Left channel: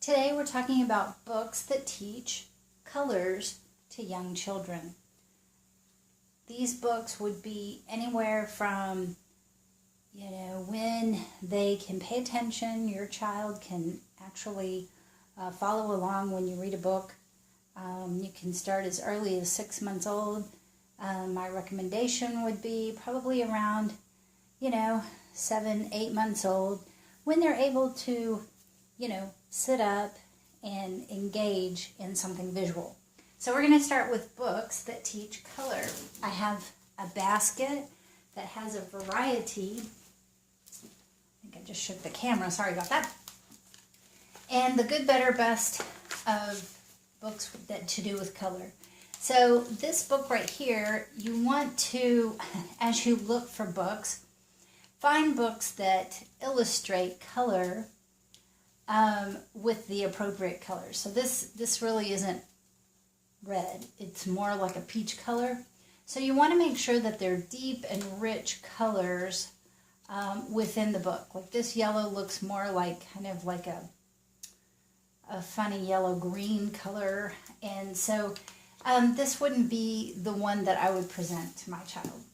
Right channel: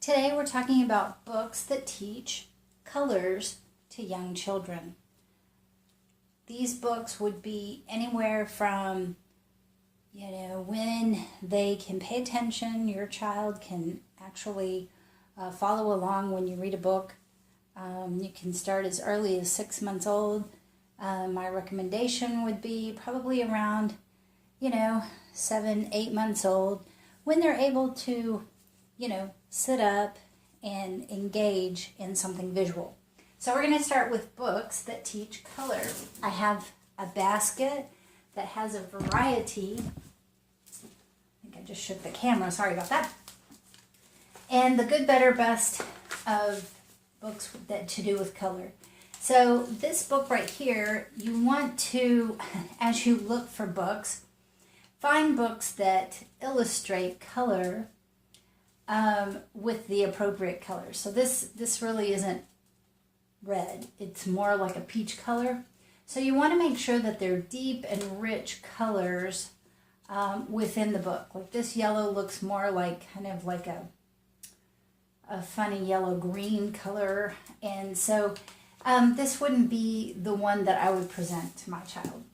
Today we're talking about books that teach colors to young children. These books would be anywhere from, when they can pay attention, your child can actually follow along when you read a book. You can start as early as 6 months old. My recommendation would be probably around, 7, 8 months old, when they're able to, sit up and engage in something visual. So we're going to start with books that teach color. I have a basket that has a variety. I think I just shook the camera. Sorry about that. And the good, better, best of books that to do with color. So this book right here, you want to, as you look for books, find books that illustrate color with the appropriate colors. So this really isn't red. It's more like a peach color. So you want to make sure that they're deep and rich colors within the book. Like this yellow looks more like kind of like a funny yellow-green color. And so this wouldn't be the one that I would present to my child.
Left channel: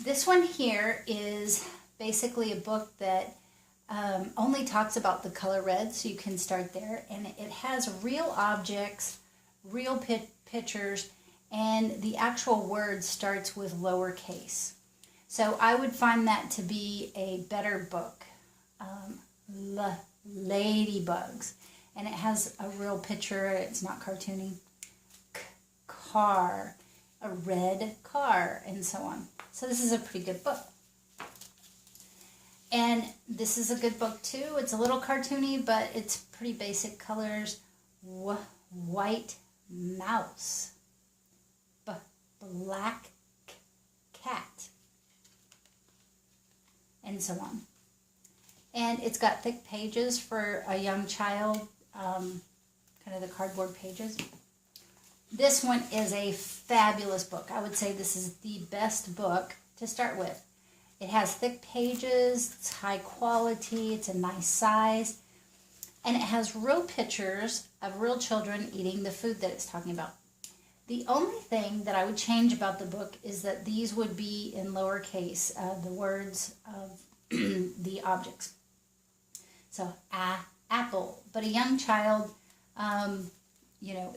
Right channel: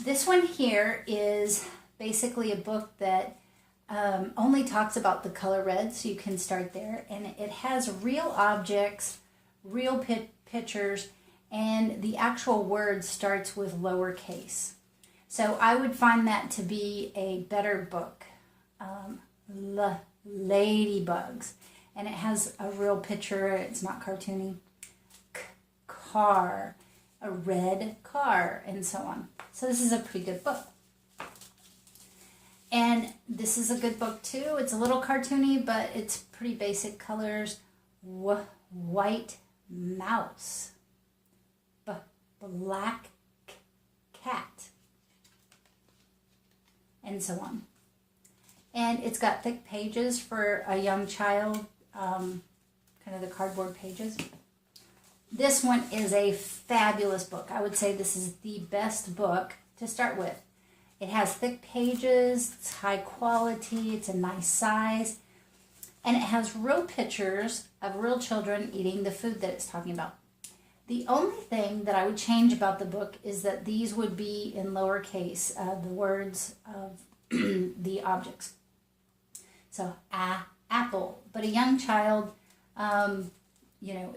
This one here is basically a book that only talks about the color red, so you can start there. And it has real objects, real pictures, and the actual word starts with lowercase. So I would find that to be a better book. Ladybugs. And it has a real picture, it's not cartoony. Car, a red car, and so on. So this is a pretty good book. And this is a good book too. It's a little cartoony, but it's pretty basic colors. White mouse. Black cat. And so on. And it's got thick pages for a young child, kind of the cardboard pages. This one is a fabulous book. I would say this is the best book to start with. It has thick pages, it's high quality, it's a nice size, and it has real pictures of real children eating the food that it's talking about. The only thing that I would change about the book is that these would be in lowercase, the words of the objects. So, apple. But a young child,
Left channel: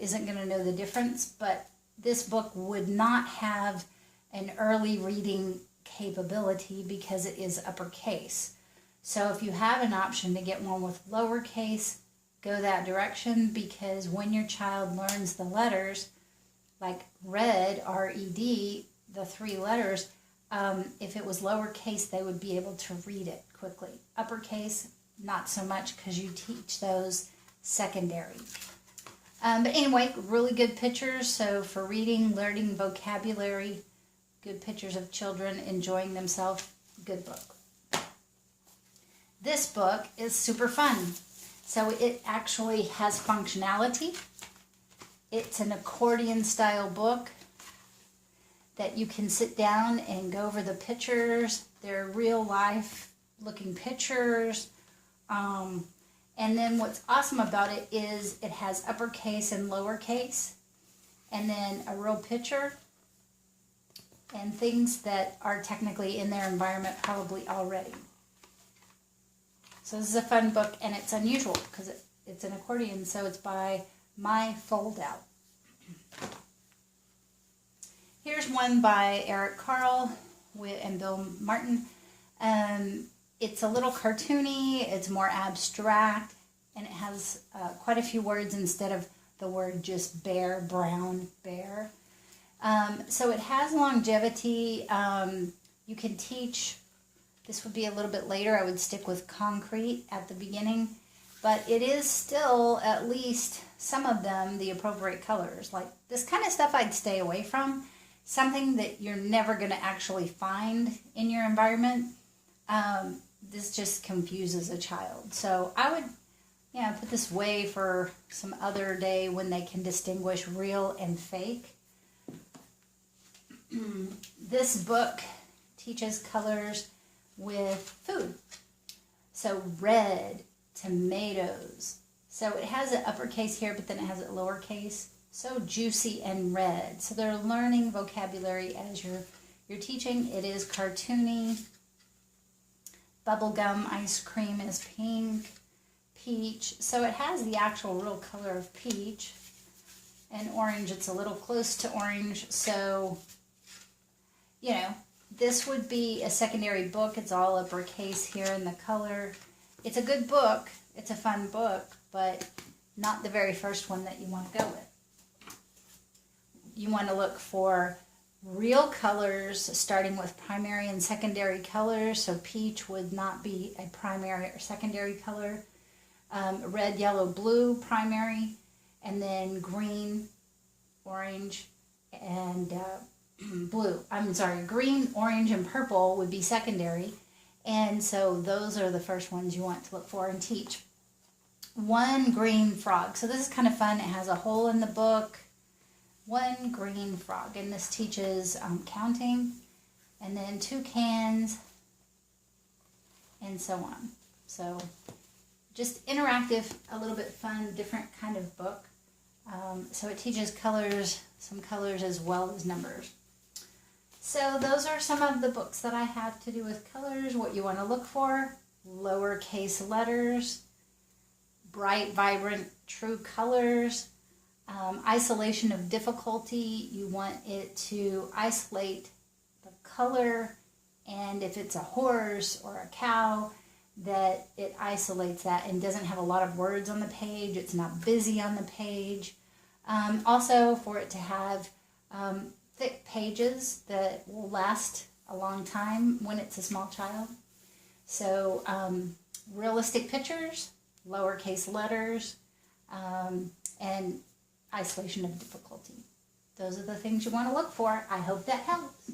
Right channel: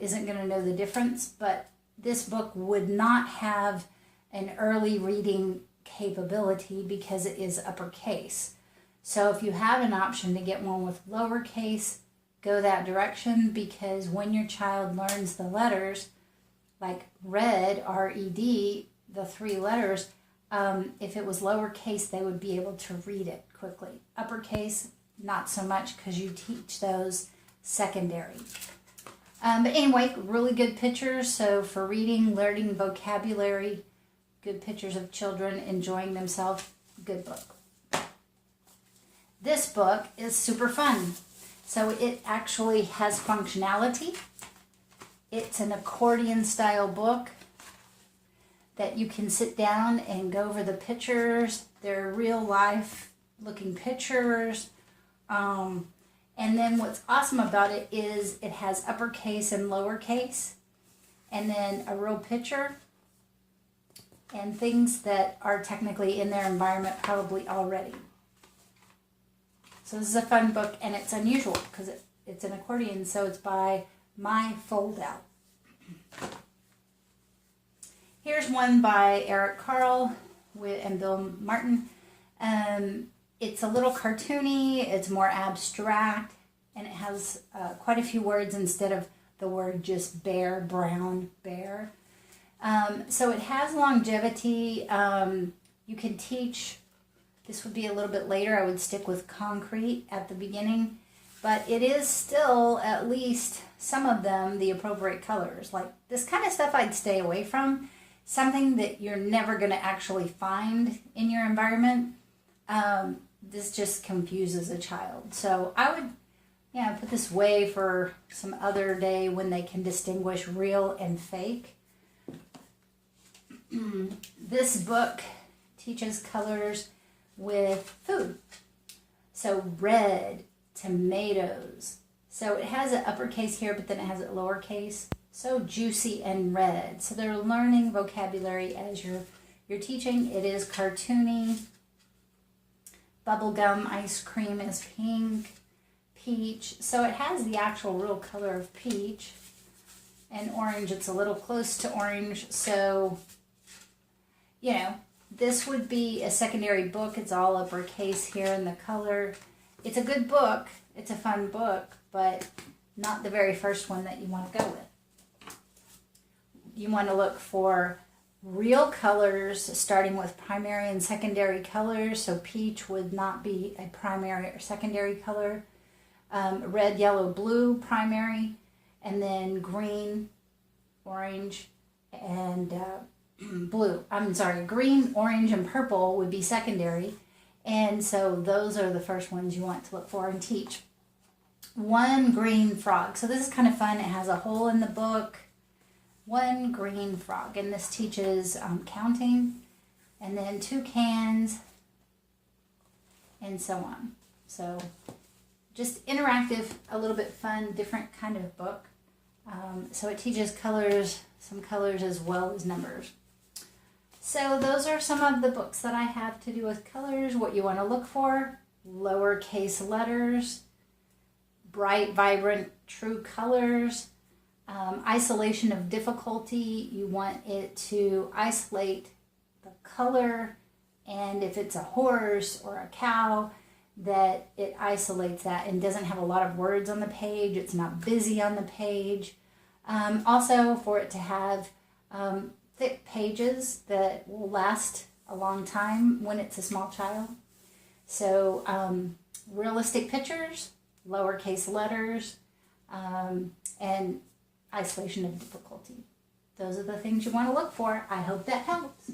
isn't going to know the difference, but this book would not have an early reading capability because it is uppercase. So if you have an option to get one with lowercase, go that direction, because when your child learns the letters, like red, R-E-D, the 3 letters, if it was lowercase, they would be able to read it quickly. Uppercase, not so much, because you teach those secondary. But anyway, really good pictures. So for reading, learning vocabulary, good pictures of children enjoying themselves, good book. This book is super fun. So it actually has functionality. It's an accordion style book that you can sit down and go over the pictures. They're real life looking pictures. And then what's awesome about it is it has uppercase and lowercase, and then a real picture, and things that are technically in their environment probably already. So this is a fun book, and it's unusual because it's an accordion, so it's by My Foldout. Here's one by Eric Carle and Bill Martin. It's a little cartoony, it's more abstract, and it has quite a few words instead of the word just bear, brown, bear. So it has longevity. You can teach, this would be a little bit later, I would stick with concrete at the beginning, but it is still, at least some of them, the appropriate colors. Like this kind of stuff I'd stay away from, something that you're never going to actually find in your environment. This just confuses a child. So I would, put this away for some other day when they can distinguish real and fake. This book teaches colors with food. So red, tomatoes, So it has an uppercase here, but then it has a lowercase. So juicy and red. So they're learning vocabulary as you're teaching. It is cartoony. Bubblegum ice cream is pink. Peach. So it has the actual real color of peach. And orange, it's a little close to orange. So, you know, this would be a secondary book. It's all uppercase here in the color. It's a good book. It's a fun book, but not the very first one that you want to go with. You want to look for real colors, starting with primary and secondary colors. So peach would not be a primary or secondary color. Red, yellow, blue, primary. And then green, orange, and blue. I'm sorry, green, orange, and purple would be secondary. And so those are the first ones you want to look for and teach. One green frog. So this is kind of fun. It has a hole in the book. One green frog. And this teaches counting. And then toucans. And so on. So just interactive, a little bit fun, different kind of book. So it teaches colors, some colors as well as numbers. So those are some of the books that I have to do with colors. What you want to look for: lowercase letters, bright, vibrant, true colors, isolation of difficulty. You want it to isolate the color, and if it's a horse or a cow, that it isolates that and doesn't have a lot of words on the page. It's not busy on the page. Also, for it to have thick pages that will last a long time when it's a small child. So realistic pictures, lowercase letters, and isolation of difficulty. Those are the things you want to look for. I hope that helps.